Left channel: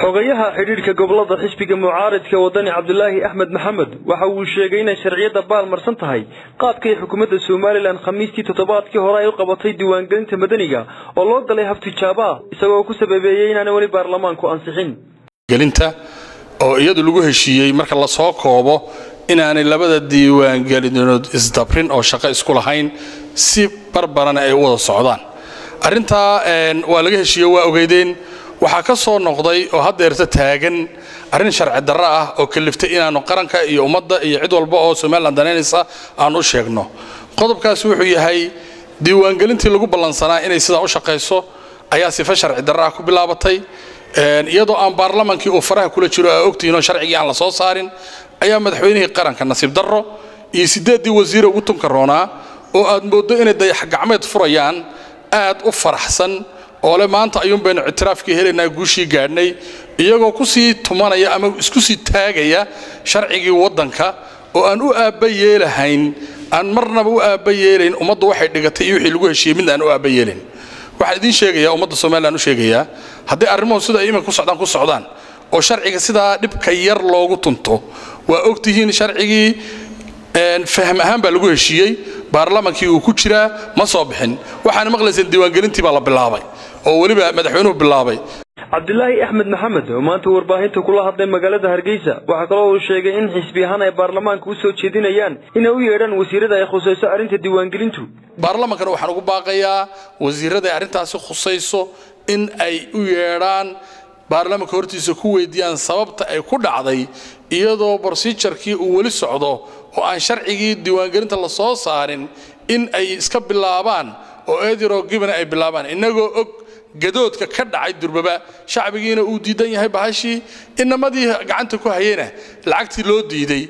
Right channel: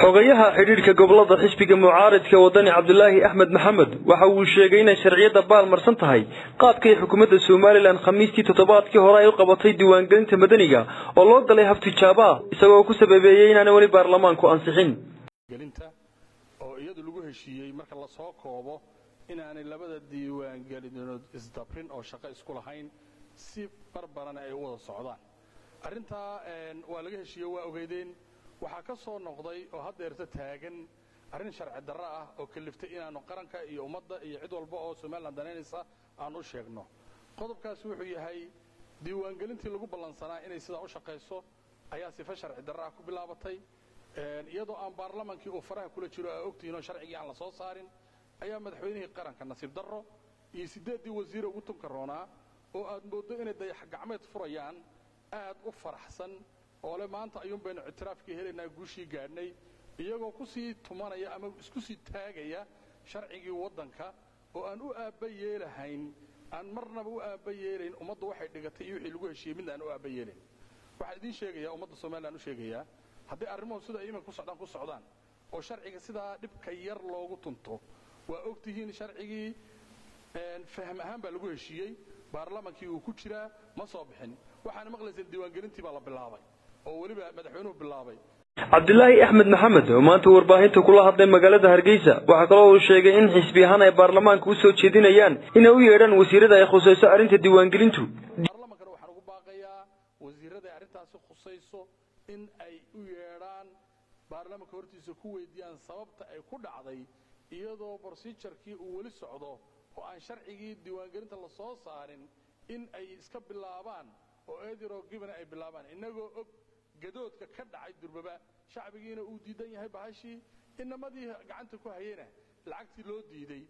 xogayaha xiriirka gobolada xisbiga mucaaradka wadani Cabdullaahi Axmed Maxamed waxa uu sheegay in sharciyada baalmarsan tahay qaabkay xukuumadda Soomaaliland khamiistii toddobaadkii hore ay u qabatay diiwaangelinta madaniga oo loo galay hab tijaabo isagoo ku sababeeyay in aan wali baarlamaanku ansixin gelinta oo iyadu lagu heshiiyay marka la soo koobo in aan labada diiwaangelinood isdabrin oo shaqo isku lahayn si barbaran ay u wada socdaan arinta waa laga heshiiyay waa ogeydeen waxa ka soo noqday oo hadeerta taagan arin sharci darro ah oo kaliftay inaanu qaranka iyo ummadda iyo cid walba oo Soomaaliland daneenaysa aan u sheegno qodobkaas wuxuu yahay diiwaangelintii lagu balansanaa inay sida u shaqeyso ayaa sifa sharci darro ah ku bilaabatay iyadoo aan baarlamaankii uu faraha kula jiro ay ogtiino sharcigii aan la soo saarin ayaa madaxweynihii qaranka nasiib darro iyo 8 wasiir ugu tunkaroona oo aad moodo inay dayax gacmeed furayaan aad u faraxsan oo le maanta ayuun baynu ictiraafkii helaynaa guushii gaadhnay iyagoo ku sii tumanaya ama isku sii taagaya sharcigii waddanka oo aan u aabba yeelahayn aan marnaba u aabba yeelayn ummaddu waxay dhigatay iyo wixii lagu heshiiyay mid aan u aabba yeelayn waxaan idin sheegayaa ummadda Soomaaliland u sheegayaa haddii arrimuhu sida ay iminka ku socdaan oo sharciga sidaa dhibka yar loogu tunto waa ogtihiin sharcigii faham ahaan baa lagu heshiiyay baarlamaankii uu ku jiraa ma soo bixin waxaan maqlaysay diiwaangelintii baa la bilaabay oo waliba madaxweynuhu bilaabay Cabdullaahi Axmed Maxamed oo maanta warbaahinta kula hadlay magaalada Hargeysa waxa kale oo uu sheegay in xisbiyahan ay baarlamaanka u soo jeedinayaan in ay u yeedhaan wasiirada ay khusayso arinta diiwaangelintu baarlamaanka waxaan ugu baaqayaa wasiirada arintaasi khusayso in ay u yeedhaan baarlamaanka hortiisa ku weydiiyaan sababta ay ku dhacday iyadoo procedure-kii uu wali socdo oo aan sharcigii diiwaangelinta la soo saarin in ay iska bilaabaan oo eediro giban ay bilaabaan inagoo og gadoodka ka dhacay durbaba shacbigiina uu diidan yahay bahashii inamadii gacanta ku hayeen lacagtii loo diiday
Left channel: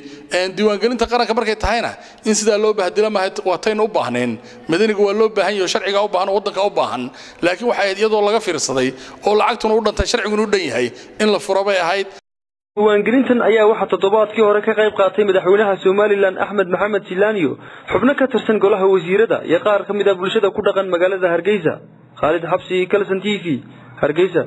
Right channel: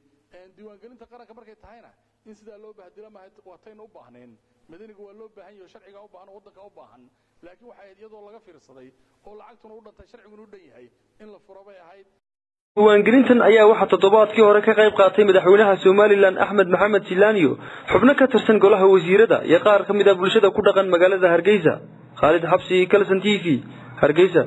diiwaangelinta qaranka markay tahayna in sida loo bahdila ma waatayn u baahneen madaniga waa loo baahan yahay sharciga u baahan wadanka u baahan laakiin waxa ay iyadoo laga fiirsaday oo lacagtuna u dhantay sharciguna u dhan yahay in la furo bay ahayd diiwaangelintan ayaa waxa toddobaadkii hore ka qayb qaatay madaxweynaha Soomaaliland Axmed Maxamed Silaaniyo xubno ka tirsan golaha wasiirada iyo qaar ka mid ah bulshada ku dhaqan magaalada Hargeysa Khalid Xabsi Kalsan TV Hargeysa